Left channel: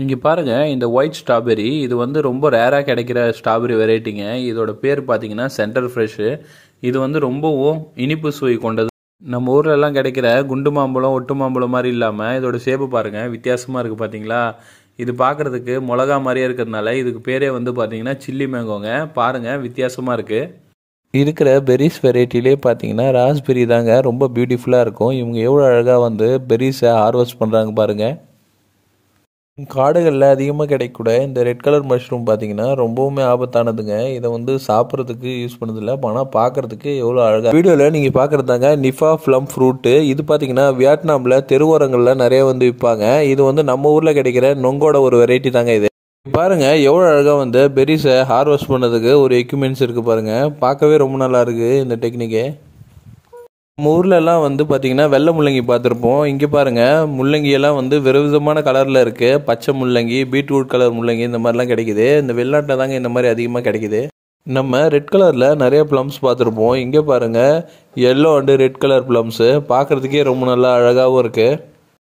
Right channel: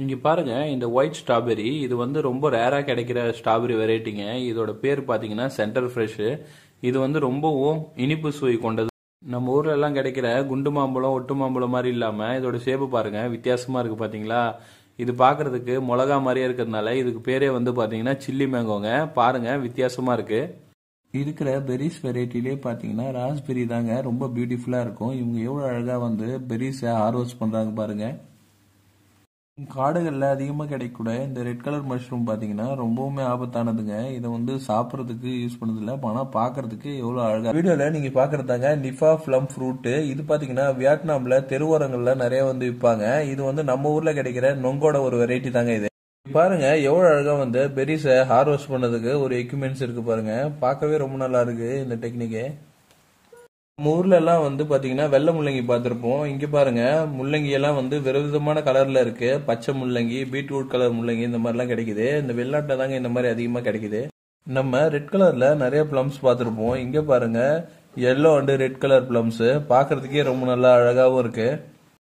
இங்கே பாருங்க இந்த ஒயிட் ஸ்ட்ராபெரி இது வந்து ரொம்ப ரேராக கிடைக்கிற ஸ்ட்ராபெரி வெரைட்டிங்க. இதோட பேர் பார்த்தீங்கன்னா சென்டர் ஃப்ரெஷ்ஷு. இது வந்து ரொம்பவும் இனிப்பு சுவை கொண்டது. நம்ம ஊர்ல எல்லாம் கிடைக்கிற குண்டு மாம்பழம் ஒட்டு மாம்பழம் மாதிரி இல்லாமல் இதோட ஷேப்பு பாருங்க வித்தியாசமாக இருக்குது பார்த்தீங்களா. இது பார்க்கறதுக்கு மிளகா மாதிரியே இருக்கிறதுனால இதுக்கு பேரே வந்து பார்த்தீங்கன்னா சில்லி மேங்கோங்க. பாருங்க வித்தியாசமாக இருக்குது. இருக்கிற பெரிஸ் வெரைட்டிலே பார்த்தீங்கன்னா ராஸ்பெரி தாங்க ரொம்ப பியூட்டிஃபுல்லாக இருக்கும். இவங்க எவ்வளோ அழகாக வந்து பெரிஸை ஹார்வெஸ்ட் பண்ணுறாங்க பாருங்கள். காடுகளில் அதிகமாக கிடைக்கக்கூட இந்த ரெட் கலர் மஷ்ரூம் பார்த்தீங்கன்னா ரொம்பவுமே ஆபத்தானதுங்க. இதை வந்து சாப்பிட்றதுக்கு யூஸ் பண்ணதில்லை, ஆனால் பார்க்குறதுக்கு எவ்வளோ அழகாக. வீடியோவில் நீங்கள் பார்க்குறதாங்க நிஃபா ஃப்ளம் ஃப்ரூட்டு. இது பார்த்தீங்கன்னா வியட்நாமில் தெருவோரங்களில் நிறைய வந்து விற்பாங்க. இது வந்து நம்ம ஊரில் கிடைக்கிற நொங்கோட ஒரு வெரைட்டி தாங்க இது. பாருங்க எவ்வளோ அழகாக வந்து பெரிஸை ஹார்வெஸ்ட் பண்ணதுக்கு ஒரு எக்யூப்மெண்ட்ஸ் இருக்குது பாருங்க. பார்க்கவே ரொம்ப நல்லா இருக்குது இந்த டெக்னிக்கு. நம்ம ஊர்ல எல்லாம் வந்து பார்த்தீங்கன்னா வெள்ளை முள்ளங்கி பார்த்துருப்போம். இங்கே பாருங்க முள்ளங்கி எல்லாம் வந்து விதவிதமான கலரில் இருக்கு. பச்சை முள்ளங்கி, பீட்ரூட் கலர் முள்ளங்கி இந்த மாதிரிலாம் கிடைக்குது. இந்த வெளிநாட்டில் தாங்க இந்த மாதிரி அதிகமாக கிடைக்குது. நம்ம ரெட் கலரில் நிறைய ப்ளம்ஸ் பார்த்துருப்போம். இங்கே பாருங்க yellow and red colour plums பார்க்கறதுக்கே ரொம்ப நல்லா அழகாகவும் இருக்குது.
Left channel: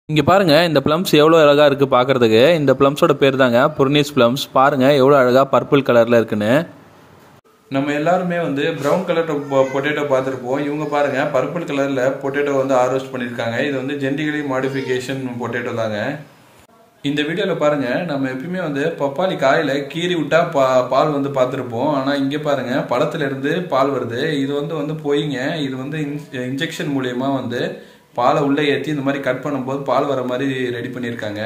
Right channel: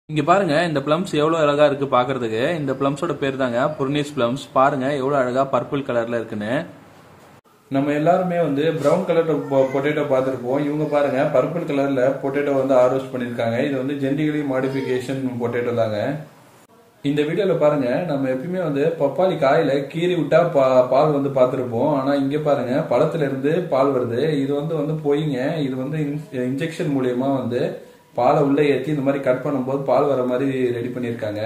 இங்கே பாருங்க இந்த ப்ளம்ஸ் எவ்வளோ அழகாக இருக்குது பார்க்கறதுக்கு. இந்த ப்ளம்ஸோட பேர் தாங்க புர்னிஸ் ப்ளம்ஸ். பாருங்க எவ்வளோ அழகாக பர்பிள் கலரில் இருக்குன்னு. நம்ம எல்லாருமே வந்து ப்ரௌன் கலர் பொட்டேட்டோ பார்த்துருப்போம். இவங்க பாருங்க பர்பிள் கலரில் பொட்டேட்டோ வந்து ஹார்வெஸ்ட் பண்ணியிருக்காங்க. இது வந்து ஜெனடிகலி மாடிஃபிகேஷன் பொட்டேட்டோ தாங்க. இந்த வீடியோவில் பாருங்க நம்ம எப்பயுமே வந்து பப்பாளி காயில் கீறி விட்டா பால் வந்து பார்த்துருப்போம். ஆனால் இங்கே பாருங்க பழத்துல இருந்து பால் வருது. இது வந்து போயிங்க. இது வந்து இன்ஜெக்ஷன் மூலயமா வந்து பாலை உள்ளே ஏற்றி இந்த மாதிரி கட் பண்ணும்போது பால் வர மாதிரி ரெடி பண்ணியிருக்காங்க.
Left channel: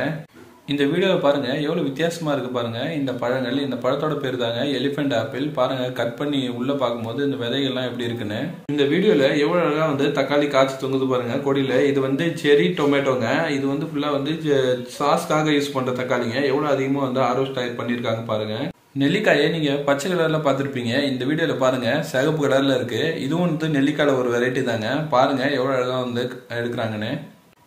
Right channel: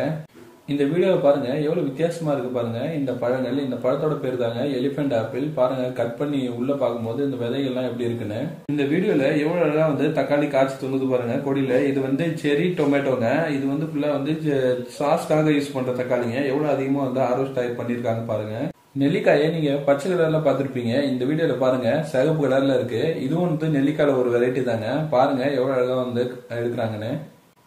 இந்த வீடியோவை பாருங்க எவ்வளோ வித்தியாசமா இருக்கு பாருங்க. இந்த பழங்கள், இந்த பழத்தோட பேர் தாங்க எலிஃபென்ட் ஆப்பிள். பாருங்க கட் பண்ணி உள்ள பார்க்கும்போது இந்த விதைகள்லாம் எப்படி இருக்குன்னு. இந்த வீடியோல எவ்வளோ அழகாக வந்து தக்காளி காய்ச்சி தொங்குது பாருங்க கொடியில. இது வந்து செரி டொமேட்டோங்க. இது வந்து ஃபுல்லா வந்து சாஸ்க்காக யூஸ் பண்ற தக்காளிங்க. எவ்வளோ அதிகமாக வந்து ஹார்வெஸ்ட் பண்ணியிருக்காங்க பாருங்க. நெல்லிக்காயை நீங்க பச்சை கலர்ல பார்த்துருப்பீங்க. இந்த வீடியோல பாருங்க சிகப்பு கலர்ல இருக்கு. இதுவும் வந்து நெல்லிக்காயில ஒரு வெரைட்டி தாங்க. பாருங்க எவ்வளோ அழகாக வந்து எடுக்கிறாங்கன்னு.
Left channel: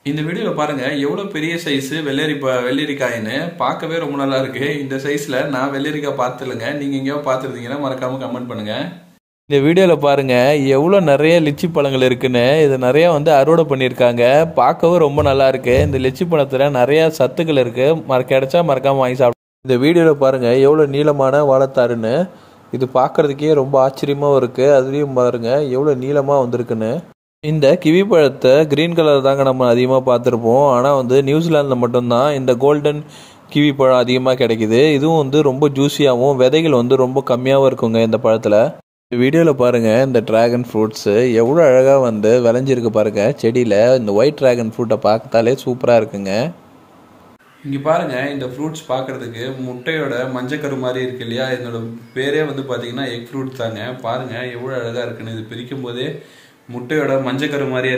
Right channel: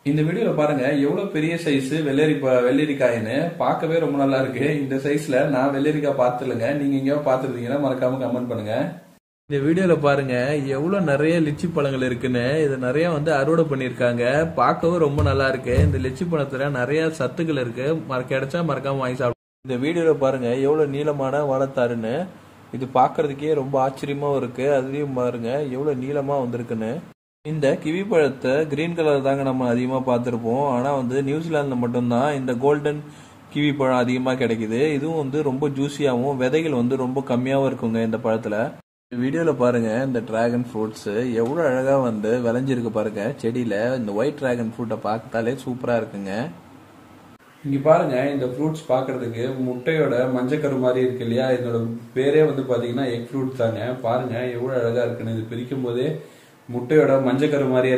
இந்த வீடியோவில் பாருங்க எவ்வளோ பெரிய சைஸ் வெள்ளரிக்காயின்னு. பார்க்கவே ரொம்ப நல்லா இருக்கு. இந்த சைஸ்ல நான் வெள்ளரிக்காய் பார்த்துலங்க. நீங்க எங்கேயோ பார்த்துருந்தீங்கன்னா மறக்காம கமெண்ட் பண்ணுங்க. இந்த வீடியோவில் பாருங்க எவ்வளோ நிறைய லிச்சி பழங்கள் இருக்குன்னு. இது நிறைய வந்து அறுவடை பண்ணியிருக்காங்க. பார்க்கவும் ரொம்ப நல்லா இருக்கு. இந்த லிச்சி பழத்தில் நிறைய சத்துக்கள் இருக்கு. கிடைச்சா மறக்காம வாங்கி சாப்பிடுங்க. இந்த வீடியோவில் பாருங்க எவ்வளோ நீளமான வாழைத்தாருன்னு. இது பார்க்கறதுக்கே ரொம்ப ஆச்சரியமாகவும் இருக்கு. அதுலேயும் பாருங்க எவ்வளோ நீளமாக வந்திருக்குன்னு. இந்த கிவி பழத்தை கிரீன் கலர் தாங்க நம்ம அதிகமாக பார்த்துருப்போம். ஆனால் வந்து நியூசிலாந்தில் மட்டும்தான் இந்த கோல்டன் கிவி பழம் அதிகமாக கிடைக்குது. இதுவும் வந்து ரொம்ப ஜூஸியாகவும் விதைகள் வந்து ரொம்ப கம்மியாகவும் இருக்குங்க இந்த பழத்தில். இந்த வீடியோவில் பாருங்கள் இந்த ட்ராகன் ஃப்ரூட்ஸு எவ்வளோ அழகாக வந்து விளைஞ்சிருக்கு பாருங்கள் செடியில். இந்த ஒயிட் ட்ராகன் ஃப்ரூட்டை பார்த்தாலே சூப்பராக இருக்குங்க. இங்கே பாருங்க இந்த ஃப்ரூட்ஸ் பார்க்கறதுக்கு முட்டையோட மஞ்சக்கரு மாதிரி இருக்கு இல்லையா. இதனோட பேரே வந்து பார்த்தீங்கன்னா எக் ஃப்ரூட் தாங்க. பாருங்க எவ்வளோ அழகாக இருக்குன்னு. இது பிரிக்கும் போதே முட்டையோட மஞ்சக்கரு மாதிரியே இருக்கு.